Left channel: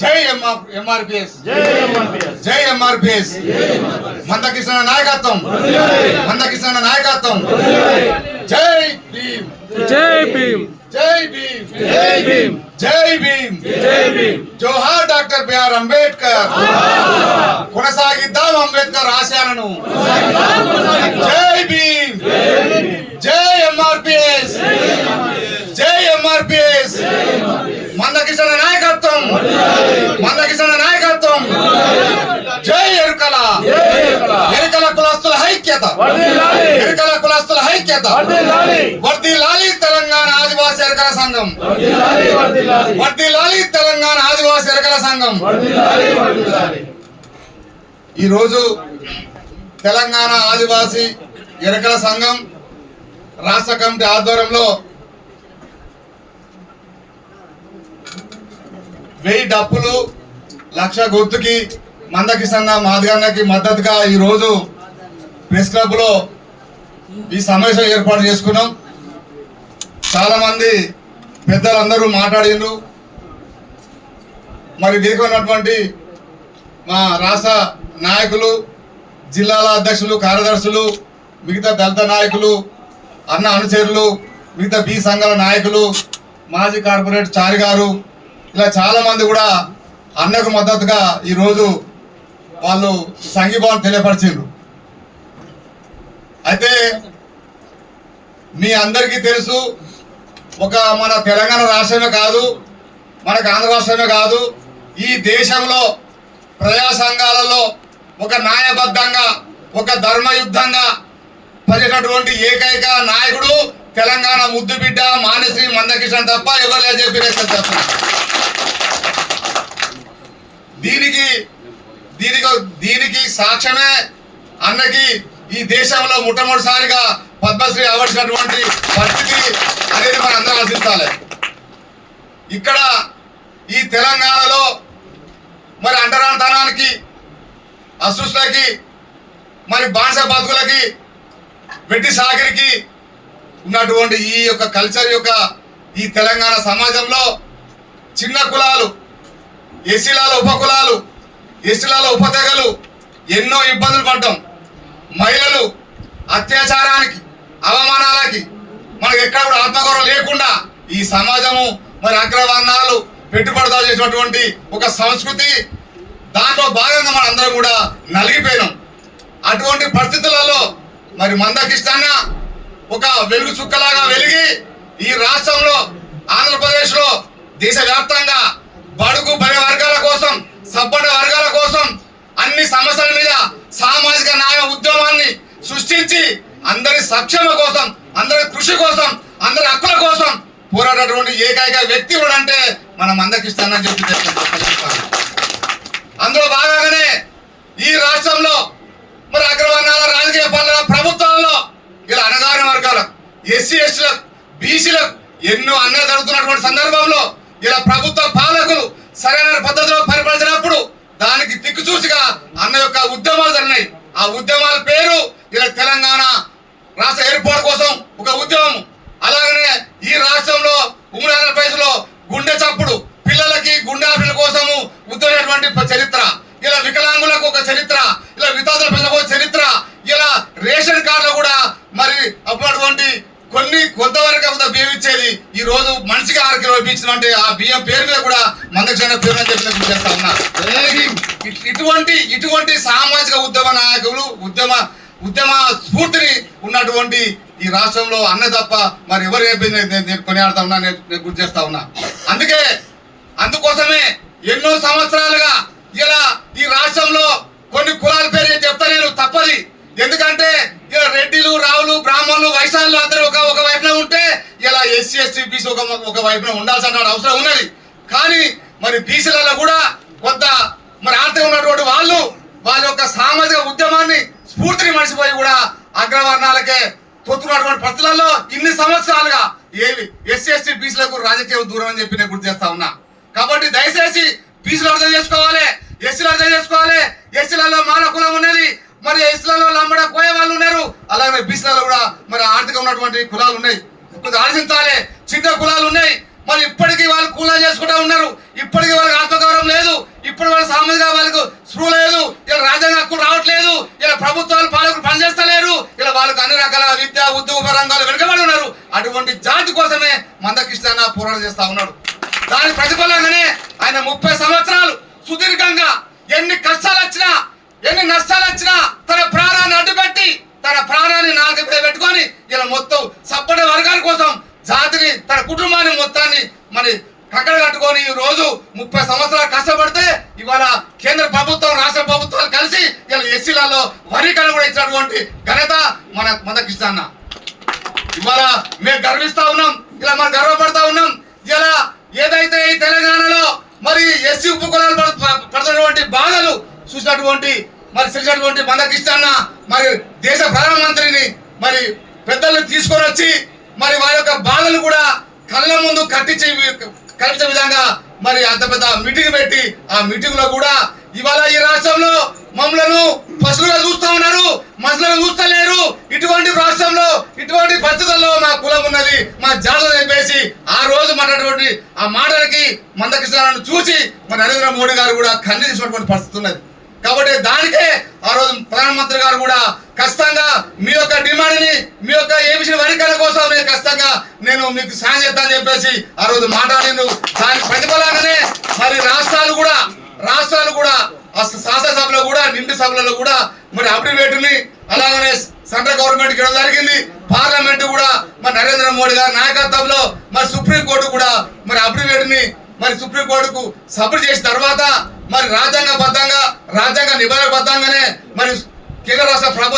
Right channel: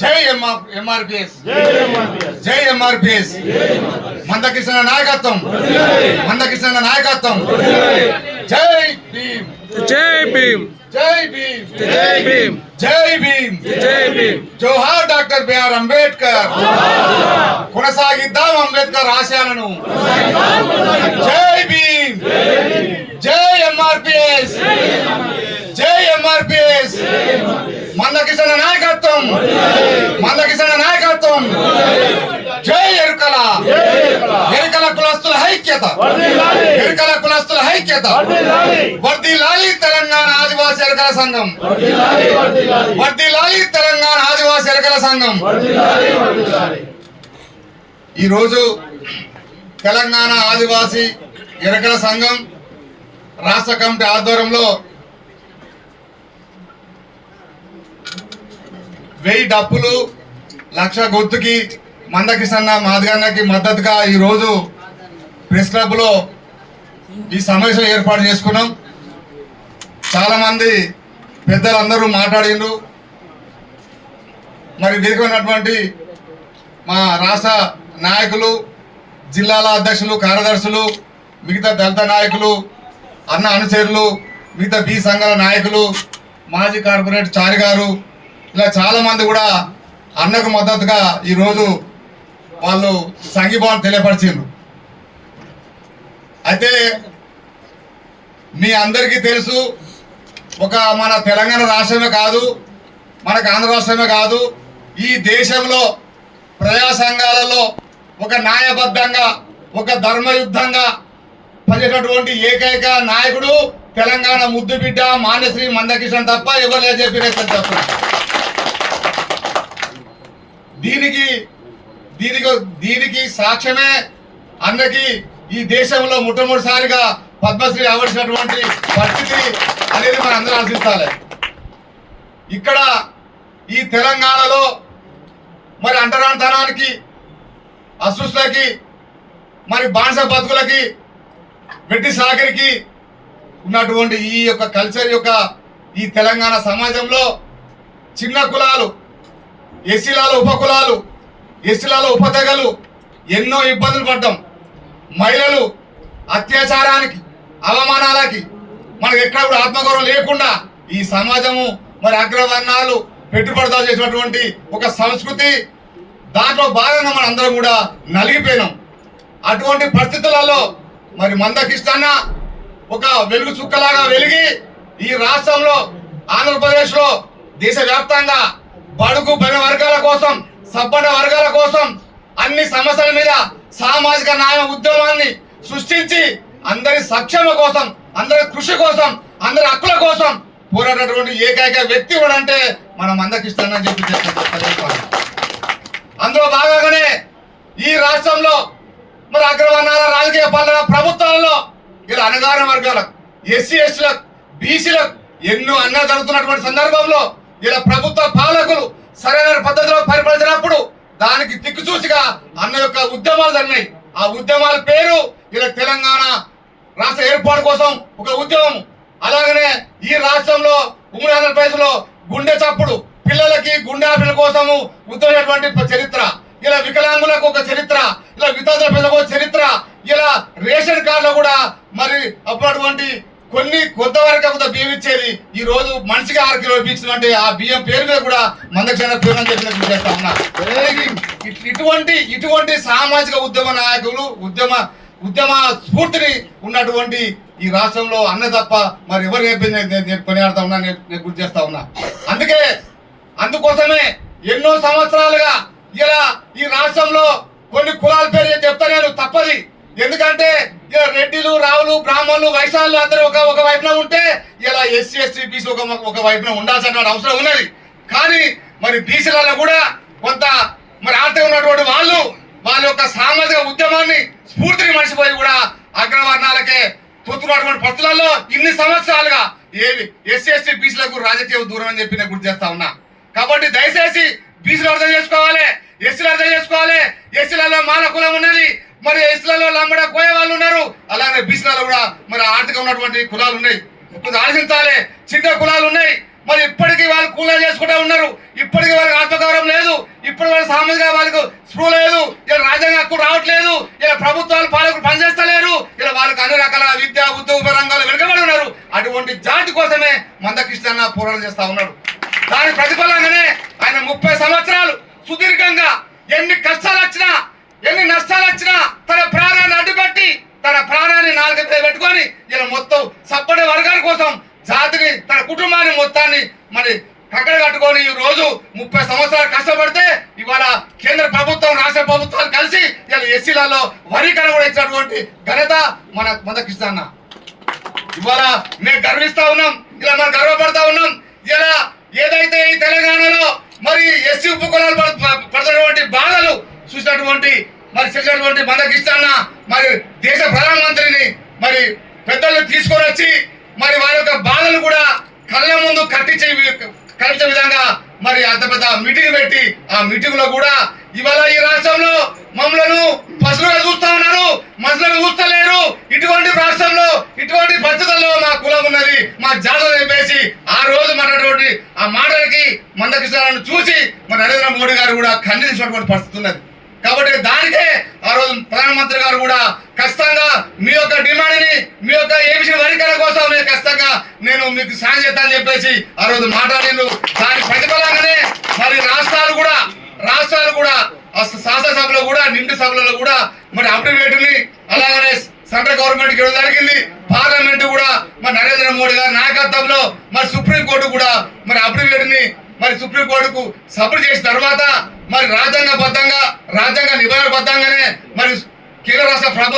జై ఎంఆర్ ఎంఆర్పిఎస్. జై ఎంఆర్పిఎస్. జై ఎంఆర్పిఎస్. మందకృష్ణ నాయకత్వం. మందకృష్ణ నాయకత్వం. జై భీమ్. జై భీమ్. జై భీమ్. జై భీమ్. జై భీమ్. జై భీమ్. జోహార్ డాక్టర్ బిఆర్ అంబేద్కర్. కొనసాగిద్దాం అంబేద్కర్ ఆశయాలను. జై భీమ్. జై ఎంఆర్పిఎస్. జై ఎంఆర్పిఎస్. మందకృష్ణ నాయకత్వం. మందకిషణ నాయకత్వం. జై ఎరుకల. ఎరుకల కులస్తుల ఐక్యత. ఎరుకల కులస్తుల ఐక్యత. వర్ది లాలి తెలంగాణ ఆదివాసీ ఎరకల సంఘం. వర్ది లాలి తెలంగాణ ఆదివాసీ ఎరకల సంఘం. ఈరోజు తెలంగాణ ఆదివాసీ ఎరుకల సంఘం రాష్ట్ర కమిటీ ఆధ్వర్యంలో వెయ్యి డప్పులు లక్ష గుర్తుకి మందకిసన్న మాదిగన్నకి మద్దతుగా ఈరోజు ప్రెస్ క్లబ్లో ఈ సమావేశం ఏర్పాటు చేసుకున్నాం. చాలామంది పెద్దలందరూ మాట్లాడిండ్రు మరి వేదిక మా రాష్ట్ర నాయకులు జిల్లాల అధ్యక్షులు కార్యదర్శులు మిగతా దళిత నాయకులు అన్న అనుచరులు మిగతా బి సంఘాల నాయకులు మాజీ కార్పొరేట్ చారి గారు ఇలా చాలా మంది కూడా అన్నకు మద్దతుగా ఈరోజు వాళ్ళు సంఘీభావం తెలియపరిచిండ్రు. అయితే మీ అందరికీ తెలుసు ఒక మన తెలంగాణ రాష్ట్రమే కాదు మనకు ఆంధ్ర రాష్ట్రమే కాదు ఈ దేశంలో ప్రజా సంఘాలలో ఒక న్యాయబద్ధంగా ఒక ధర్మయుద్ధంగా పనిచేటటువంటి ఏకైక నాయకుడు తెలంగాణ ముద్దు బిడ్డ మానశ్రీ మందకిషన్ తప్ప ఎవరు లేదు చెప్పి దీనికి దీనికి దీనికి సాక్ష్యమే అన్నకి ఈ దేశంలో మొట్టమొదటిసారిగా పద్మశ్రీ అవర్సినటువంటి పరిస్థితి అనేది మనం అందరం ఆశించాలి. ఇక్కడ ఈ తెలంగాణలో మరి అంటరానితనానికి అసృష్టికి మరి బానిస బతుకులకి వెట్టి సాగరికి ఉన్నటువంటి ఈ యొక్క కల్చర్ యొక్క ఈ తెలంగాణ సమాజంలో చిన్న కులాలు ఎస్సీలలో ఉపకులాలు ఎస్సీలలో ఉపతెగలు ఎన్నో ఇబ్బందులు పడ్డాం. మహిళలు అత్యాచారానికి అవమానాలకి మనకు ఎక్కడ కూడా ఆత్మగౌరవం లేకుండా ఈ సమాజము మరి అగ్రవర్ణాలు పెట్టుబడిదారు చేసినటువంటి ఒక సంస్కృతి దాంట్లో భాగంగా మన అందరం కూడా నలిగిపోయినాం. అటువంటి పరిస్థితులలో మరి మందకిష్టన్న ఒక వెలుగు చుక్కలాగా వెలిగి ఈ రాష్ట్రంలో ఆంధ్రప్రదేశ్లో దేశవ్యాప్తంగా బడుగు బల వర్గాల కోసం సబ్బన వర్గాల కోసం అన్ని సమస్యల మీద సామాజిక న్యాయ ఉద్యమాన్ని సృష్టించి అందరి సక్షేమ కోసం అందరి కృషి కోసం అందరి హక్కుల కోసం పోరాడేటువంటి ఏకైక వ్యక్తి కూడా మనం అందరికి మందకిస్తానని చెప్పి చెప్పాలి అందులో భాగంగానే ఈ రాష్ట్రంలో మరి అగ్రవర్ణాల రాజకీయ పాలన ప్రభుత్వాలలో ఇలా అనగారిన వర్గాలకు ఎస్సీ ఎస్టీలకు బీసీలకు ఎన్నో అన్యాయం జరుగుతున్నటువంటి సందర్భంలో ఇలా ప్రభుత్వ పాలకులు సరైన పద్ధతిలో పరిపాలించినప్పుడు దానికి దిక్కుచూసిగా అన్న యొక్క ఉద్యమాలు జరిగినాయి. ఆ ఉద్యమాల పేరు ఇలా తెలంగాణ రాష్ట్ర ఏర్పాటు కోసం ఒక ఉద్యమం. అలాగనే ఈ రాష్ట్రంలో ఉమ్మడి ఆంధ్రప్రదేశ్లో గుండె చప్పుడు పిల్లలకి గుండె ఆపరేషన్ల కోసము ఉద్యమైనటువంటి చరిత్ర ఇలా వికలాంగులకు ఒక చరిత్ర ఇలా వితంతుల ప్రజలకు ఒక చరిత్ర ఇలా రేషన్ కార్డులో కూడా మరి అప్పుడటువంటి కొన్ని కొంతవరకు కొంత బియ్యం ఇచ్చేది ఈ రోజు మనిషికి ఇచ్చినటువంటి ఆ బియ్యం పేరు మీద కూడా మందక్షణ పేరు అని చెప్పి చేస్తా ఉన్నా. ఇటువంటి ఇటువంటి సామాజిక ఉద్యమ నాయకులు ఉద్యమ ఉద్యమ స్ఫూర్తిని ఉన్నటువంటి ఈ రాష్ట్రంలో అన్న తప్ప మరి ఎవరు చెప్పింది నేను నేను కొనియాడుతా ఉన్నా నేను గుర్తు చేస్తా ఉన్నా. అందుకే అందుకోసమే ఎన్నో సంవత్సరాలుగా ఇలా ఈ రాష్ట్రంలో కొన్ని కులాల పేరు చెప్తా నేను తప్పది. ఎందుకంటే ఇలా రెడ్డిలు రావులు బ్రాహ్మణులు వైశాలు అందరూ ఒక ఒక వైపున ఉంటే ఇలా ఎస్సీ ఎస్టీ బీసీ ఒక ఒక వైపున ఉండాల్సిన అవసరం ఉన్నది. కానీ మరి బీసీలలో కూడా కొంత మరి ఆర్థిక ఉన్నటువంటి వాళ్ళు వాళ్ళ యొక్క సామాజిక ఉద్యమాన్ని స్ఫూర్తిని మర్చిపోయి కూడా అగ్రవర్ణాలకే తొత్తున్నటువంటి పరిస్థితులలో ఇన్ని సంవత్సరాలుగా ఏవి ఎస్సీ ఎస్టీ బీసీలకు రాజకీయ దూరం అని చెప్పి నేను గుర్తు చేస్తా ఉన్నా. కాబట్టి దయచేసి బీసీలు అర్థం చేసుకోవాలి ఎస్సీలు అర్థం చేసుకోవాలి ఎస్సీలలో మాల కులం ఉన్నది మరి ఎస్సీలలో లంబడ కోయే వాళ్ళు ఉన్నారు. అలాగే బీసీలలో కూడా మరి ఆర్థిక ఉన్నటువంటి కులాలు ఉన్నాయి. కొంచెం ఆలోచించాలి. చిన్న కులాలు ఉన్నాయి. మరి ఇప్పటికీ వాళ్ళు కూలా చేసుకుంటా ఉన్నారు. ఇప్పటికీ వాళ్ళకి ఆత్మగౌరవం లేదు. ఇప్పుడు వాళ్ళ సామాజిక వాళ్ళకు స్పృహ లేదు. ఇలా రాజ్యాంగ హక్కు రావట్లేదు. ఇలా ప్రభుత్వాలు పాలకులు పనిచేస్తలేరు. ఇలా వాళ్ళకి అన్ని రకాల విద్య ఉద్యోగ రంగాలు వెనుకబడి ఉన్నారు. అటువంటి జాతి కోసమే మందకృష్ణ పోరాటం చేస్తా ఉన్నాడు. దాని ప్రతిఫలంగానే ఆయన ముప్పై సంవత్సరాలు సుదీర్ఘంగా ఎన్ని కష్టాలు వచ్చినా ఎన్ని నష్టాలు వచ్చినా తన ప్రాణాన్ని అడ్డుపెట్టి తన ప్రాణాన్ని నాలుగు పెట్టుకొని ఇలా మొత్తం సప్పటి వర్గాల కోసం జాతిని తన కుటుంబాన్ని మొత్తాన్ని మరి కక్కడ కట్టుకొని ఈ రోజు ముప్పై సంవత్సరాలు కష్టపడితే ఇవాళ కేంద్ర ప్రభుత్వం రాష్ట్ర ప్రభుత్వాలు కలిసి ఇలా ఎస్సీలలో వర్గీకరణ కూడా ఇచ్చినటువంటి ఘనత మన మందకృష్ణ అన్న ఇవాళ మేము గర్విస్తా ఉన్నాం ఇలా మనం గర్వపడతా ఉన్నాం. ఇలా ఏదైతే ఈ తెలంగాణలో మరి ఎస్సీ ఉపకులాలు పడు- పడుతున్నటువంటి చూసినటువంటి మరి చూసినటువంటి మందకిస్తాన్న మరి దేశ ప్రధానమంత్రిని మరి పెద్దలు తీసుకొని వచ్చి మరి వారి యొక్క బాధను కూడా కళ్ళ ముందు కట్టించే కల్పించే విధంగా మరి అంత పెద్ద మీటింగ్ పెట్టి ఆ మీటింగ్లో కూడా ఇవాళ ఈ రాష్ట్రంలో మమ్మలను పశువులుగా చూస్తా ఉన్నారు. మనుషులుగా చూస్తలేరు. ఇటువంటి రాష్ట్రంలో ఇటువంటి పరిస్థితుల్లో మా కులం ఉన్నది మా జాతర చెప్పేసి ఆ రోజు మాట్లాడేటువంటి ఆ మాటలకి మందకృష్ణాలను చూసి మరి నరేంద్ర మోడీ గారు కూడా ఖండించినటువంటి పరిస్థితి ఉన్నది. కాబట్టి దానికే ఆ రోజు ప్రధానమంత్రి గారు కూడా ఖచ్చితంగా మీ యొక్క డిమాండ్ని మీ యొక్క ఏమిసిన వరికల కోసం నేను ఖచ్చితంగా నేను మీకు సాయం చేస్తానని చెప్పేసి ఆ రోజు మాట్లాడాను దాని ప్రతిఫలంగానే మరి రాష్ట్రాలు కూడా రాష్ట్రాలు కూడా ఆ శాసనసభలో కూడా నిండు సభలలో కూడా మరి అప్రివేటుని అలాగనే సెంట్రల్ గవర్నమెంట్ ఇవ్వడం జరిగింది. పార్లమెంట్ కూడా మరి నరేంద్ర మోడీ గారి నాయకత్వంలో మరి సుప్రీం కోర్టు కూడా మరి అప్రివేటుని మరి సుప్రీంకోర్టుకు సబ్మిట్ చేసిన తర్వాత మరి రాజ్యాంగబద్ధంగా రాజ్యాంగ నిబంధనబద్ధంగానే మరి కేంద్ర రాష్ట్ర ప్రభుత్వం